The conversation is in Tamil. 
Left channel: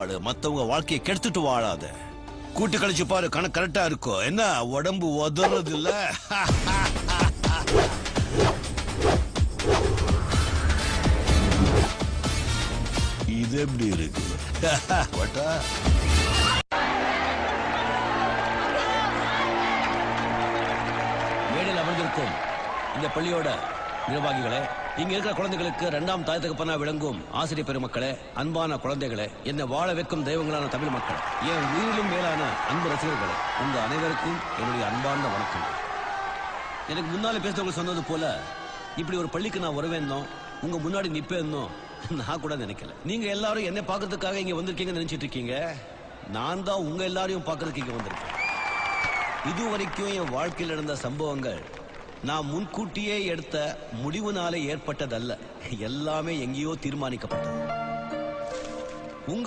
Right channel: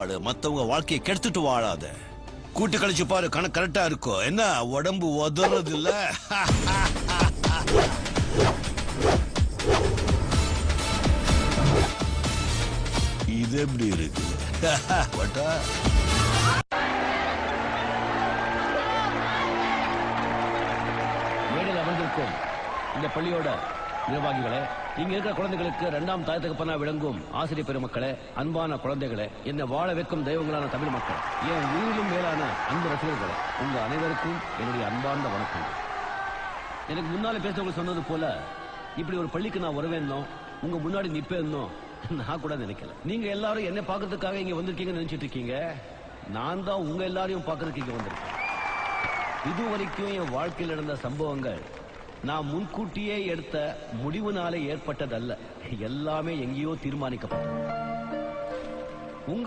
மத்தவங்க வாழ்க்கையை கெடுத்துட்டு வாழாத. கூட்டு கழிச்சு பாரு, கணக்கு கரெக்டா இருக்கும். என்ன உடம்பு உதறது இல்ல? இது எப்படி இருக்கு? மேடையில் அமர்ந்திருக்கும் இந்த பள்ளியோட நிர்வாகிகளே, இங்க இருக்கிற குழந்தைகளுக்கு இரண்டாம் தாய் தகப்பனா விளங்கும் ஆசிரியர் பெருமக்களே, அன்பான குழந்தைகளே, என்னை வாழ வைக்கும் தெய்வங்களான தமிழ் மக்கள், என் உயிரிலும் மேலான அன்பு ரசிகர்களே, உங்க அனைவருக்கும் என்னுடைய அன்பார்ந்த வணக்கங்கள். எனக்கு முன்னால பேசுறவங்க சொன்னது போல இப்படி ஒரு பள்ளிக்கு நான் வருவேன்னோ உங்க முன்னாடி நிப்பேன்னோ நான் கூட நினைக்கல. நீங்க எல்லாரும் என்ன பாக்குறதுக்காக இங்க வந்திருக்கீங்கன்னு நினைச்சிட்டு இருக்கீங்க. நான் தான் உங்க எல்லாரையும் பாக்குறதுக்கு இங்க வந்திருக்கேன். இதுவரைக்கும் என் வாழ்க்கையில் நடந்த சம்பவங்கள் நான் முன்கூட்டியே எடுத்த முடிவுனாலே ஏற்பட்டதல்ல. எல்லாமே எங்கேயோ தீர்மானிக்கப்பட்டது.